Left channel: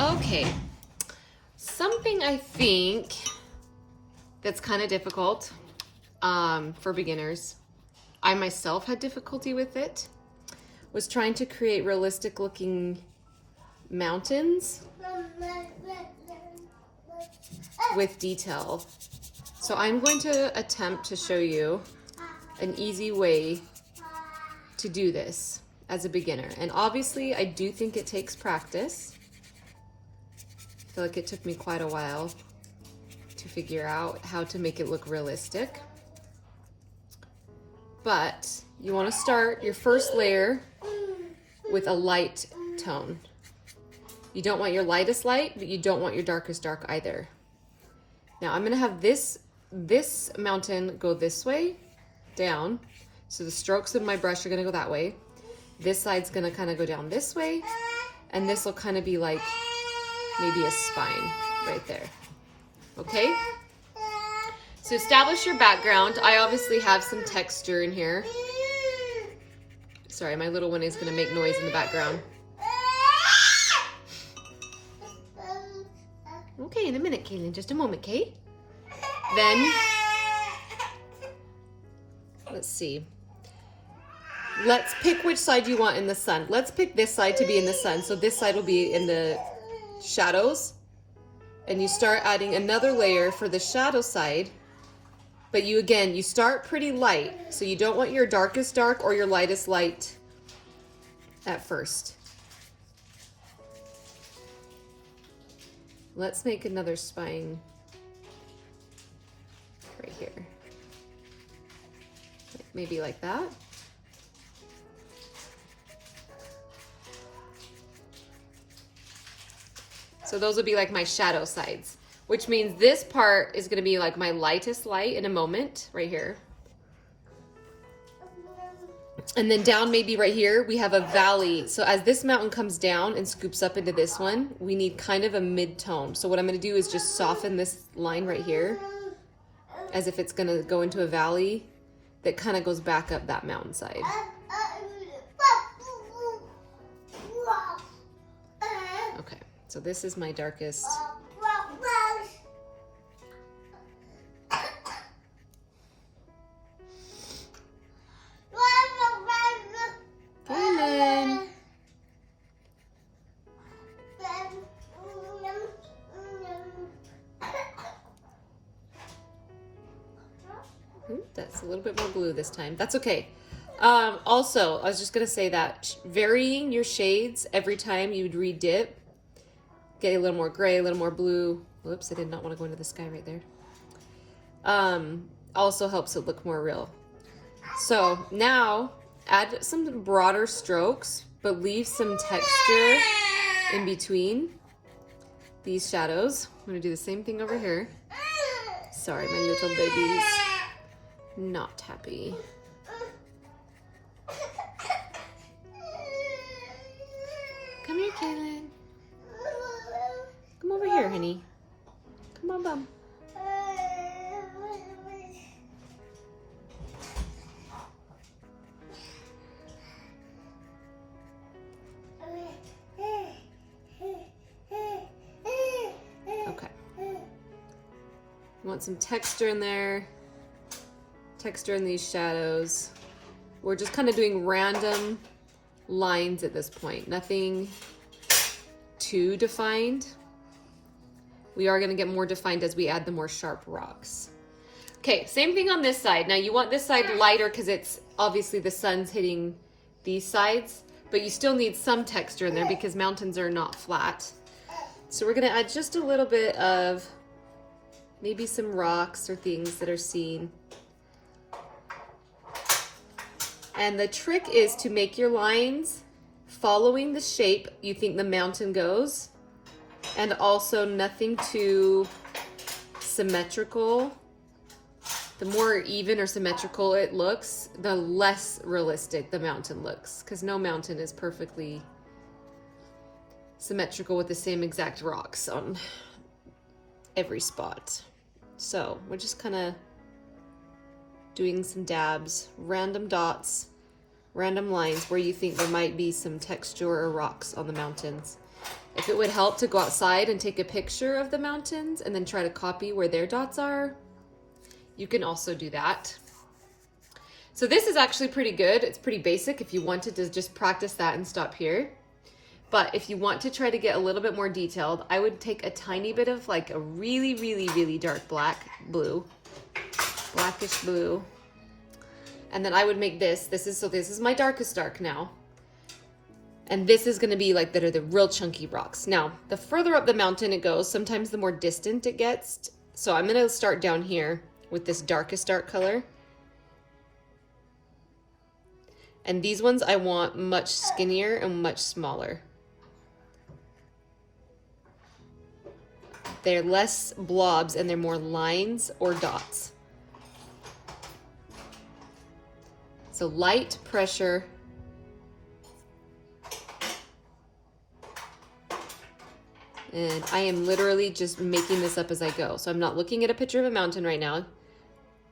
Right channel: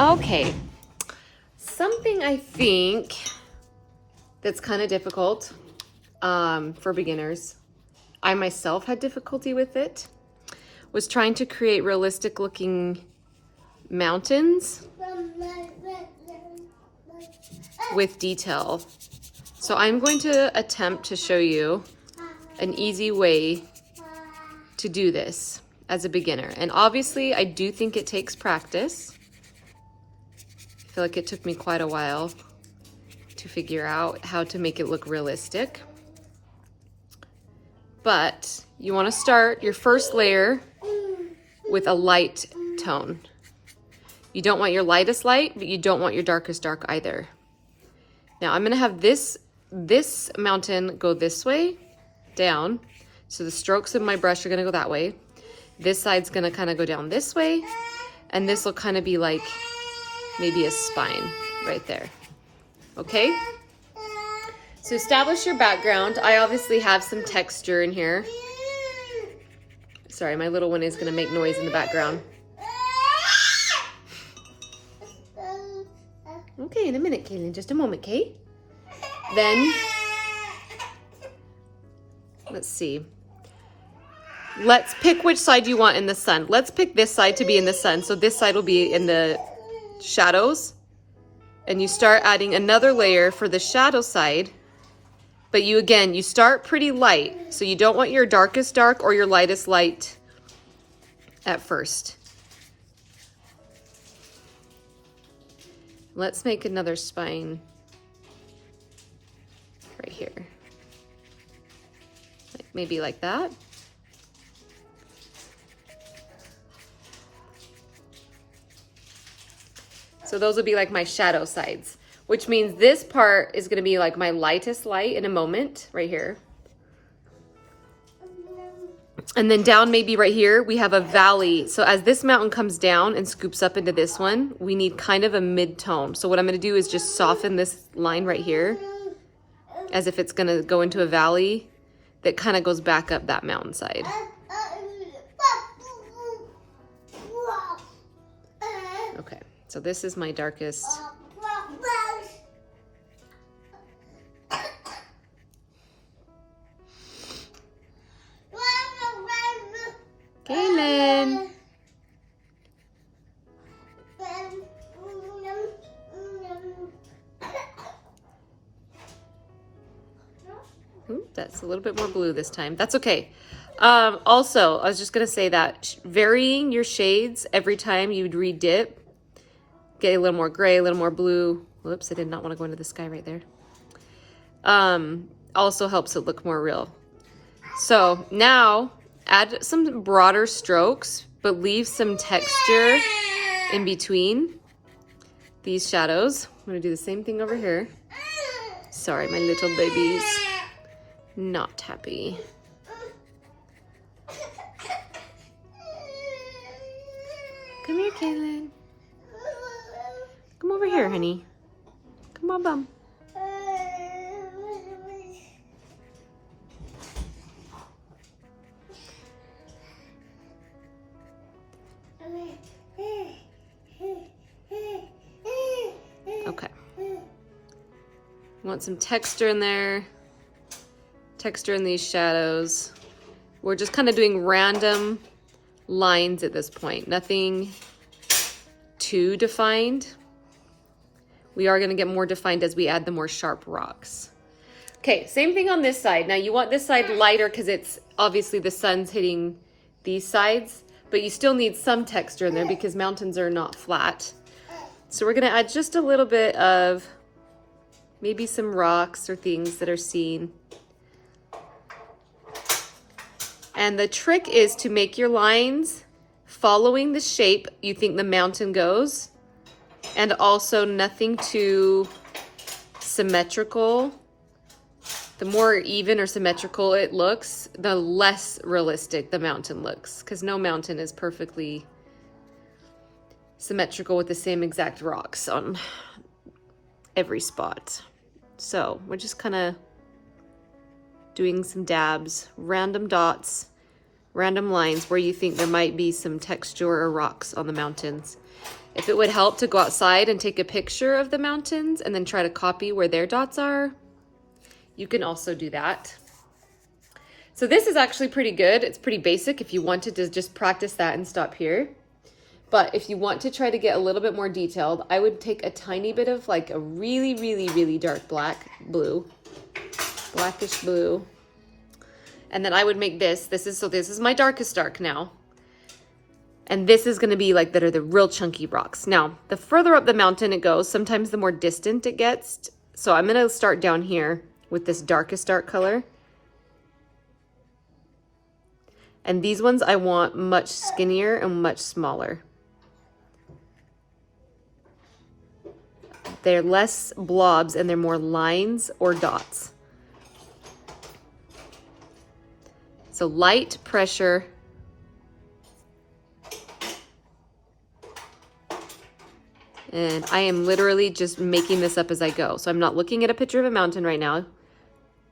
Okay, something I think that's kind of difficult for beginners, I myself had difficulty with it, was trying to create realistic looking mountains with detail. So I'm going to attempt to show you an easy way to do this as a beginner. And obviously I do think it takes practice. I feel like it took me quite a while to figure out how to make it look realistic. But you want to start your first layer with a light tone. You don't want your lightest light, but you don't want your darkest dark either. Now I'm going to have this mountain go this way, down. So the strokes of my brush are going to go that way. This side's going to kind of go down this way. And this will kind of be like maybe a spine right there. Okay? So establish your background. I obviously have some texture in here. Sorry, my little one is going to make noise in the background. Okay, in a minute, Kaylin. Just a moment, Kate. Then, let's see. Let's pick which side you want in the sun. Let's pick this side to be in the sun. So this side will be in the shadows. And you start adding another layer for the shadow side. But you start pretty light. So you don't want your darkest dark or your lightest light at first. Let's make another spine right here. Maybe like that. So those will be like my shadow sides, which means this part is going to be like my lightest light in a moment right here. And then down maybe right here, we have a valley. So as this mountain comes down and scoops up into this one, we need kind of a mid-tone. So what I'm going to do is just soften this line right here as if it's going to go into a valley that kind of goes back up that mountainside. Okay, so this is my darkest. Kaylin. That's a little bit more blue this time. That's okay. Also, I was just going to say that varying your shades every time you re-dip, get a little more gray, a little more blue. Whoops, I did not want to go into the sky right there. Also helps it look more real. So now add some broader strokes, but leave some texture in between these shadows. I'm going to do the same thing over here. Sorry, my little baby's not happy. Come here, Kaylin. Come over here, honey. Come on, bum. Okay. Want some texture in there. Texture in these shadows. We're just kind of doing random lines at this point. Nothing too defined. We are going to get more defined as we add the more sharp rocks. Okay, same thing on this side. Now you want this side lighter because it's obviously the sun's hitting these sides, but you still need some texture in there because mountains are not flat. So we're going to add just a little bit of maybe some rocks or things that are seen. And the trick is to make your lines following the shape you think the mountain goes, and also nothing too symmetrical. The more even or symmetrical it looks, the less realistic the mountain looks, because no mountain is perfectly symmetrical with the same exact rocks on every spot. So we're just kind of doing some dabs, random dots, random lines where you think there might be some texture or rocks on the mountains. If it would help to go outside and take a picture of the mountains and then try to copy where their dots are, you can also do that. So this is actually pretty good. It's pretty basic if you wanted to just practice that and stop here. But if you want to try to get a little bit more detailed, I would take a tiny bit of like a really, really, really dark blackish blue. And then I would make this. This is my darkest dark now. And this is gonna be like the real chunky rocks. Now, the further up the mountain it goes, sometimes the more distant it gets. So I'm gonna start down here with this darkest dark color. And these ones I want much skinnier and much smaller. They're less blobs and they're more lines or dots. So light pressure. And I am literally just making this up as I go. So I'm not looking at a picture of a mountain right now.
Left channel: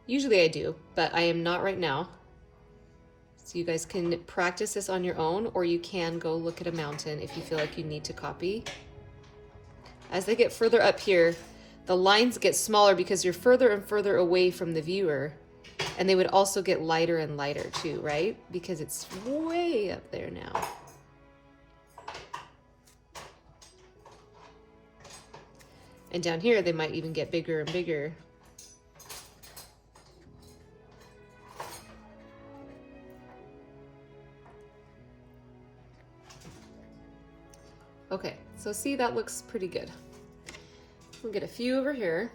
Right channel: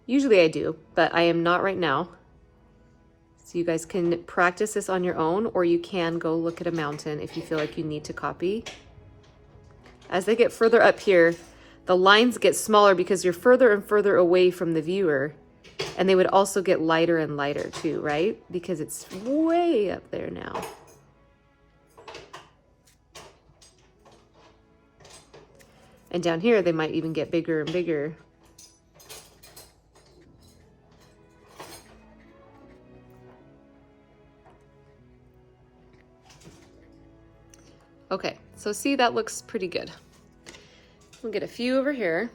Usually I do, but I am not right now. So you guys can practice this on your own, or you can go look at a mountain if you feel like you need to copy. As they get further up here, the lines get smaller because you're further and further away from the viewer. And they would also get lighter and lighter too, right? Because it's way up there now. And down here, they might even get bigger and bigger. Okay, so see, that looks pretty good. We'll get a few over here.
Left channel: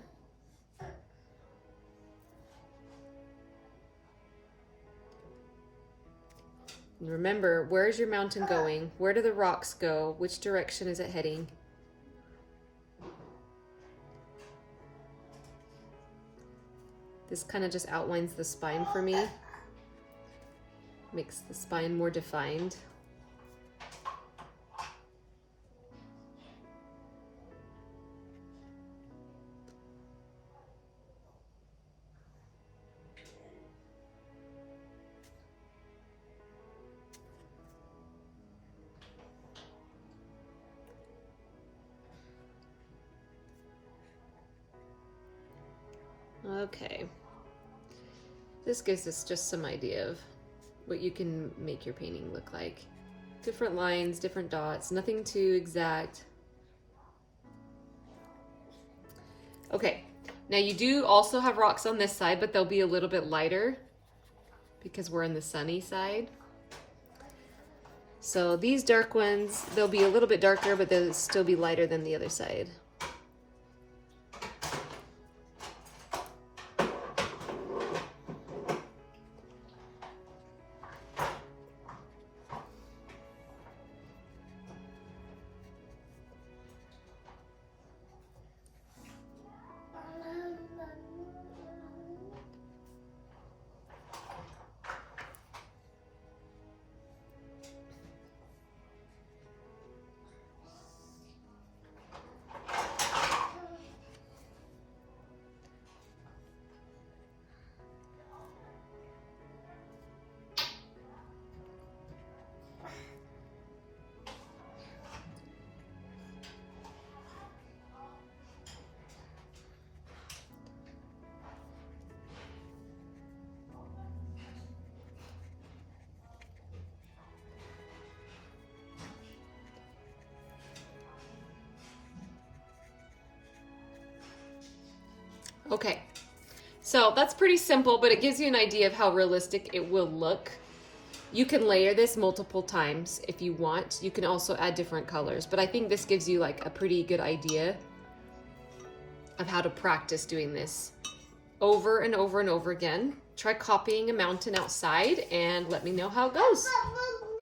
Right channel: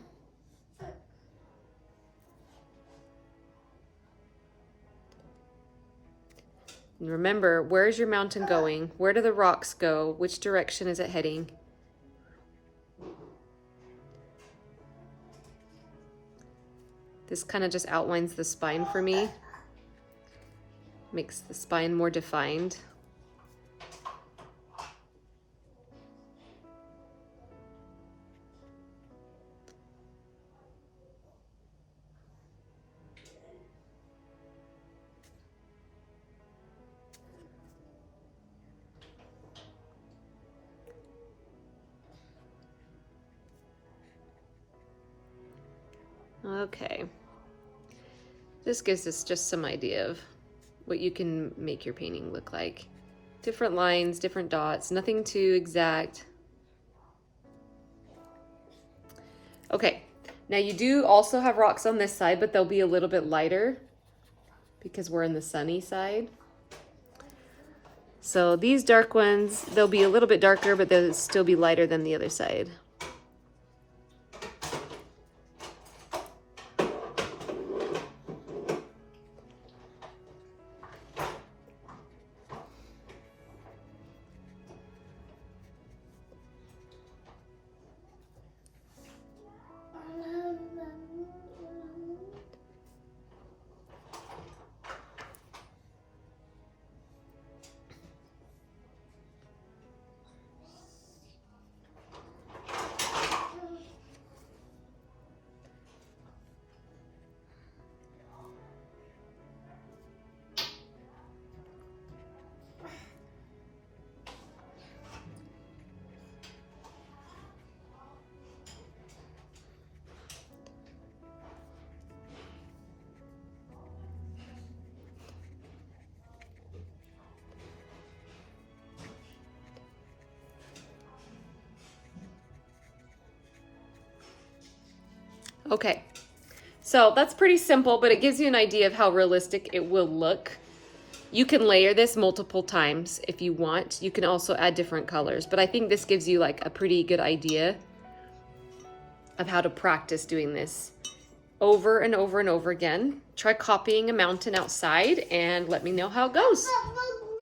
And remember, where's your mountain going? Where do the rocks go? Which direction is it heading? This kind of just outlines the spine for me. Makes the spine more defined. Okay. This gives us just some idea of what you can make your painting look like. Different lines, different dots, nothing too exact. Okay, now you do also have rocks on this side, but they'll be a little bit lighter because we're in the sunny side. So these dark ones, they'll be a little bit darker, but they'll still be lighter than the other side. Okay, so that's pretty simple, but it gives you an idea of how realistic it will look. You can layer this multiple times if you want. You can also add different colors, but I think this gives you like a pretty good idea of how to practice doing this over and over and over again. Try copying a mountain outside and let me know how it goes.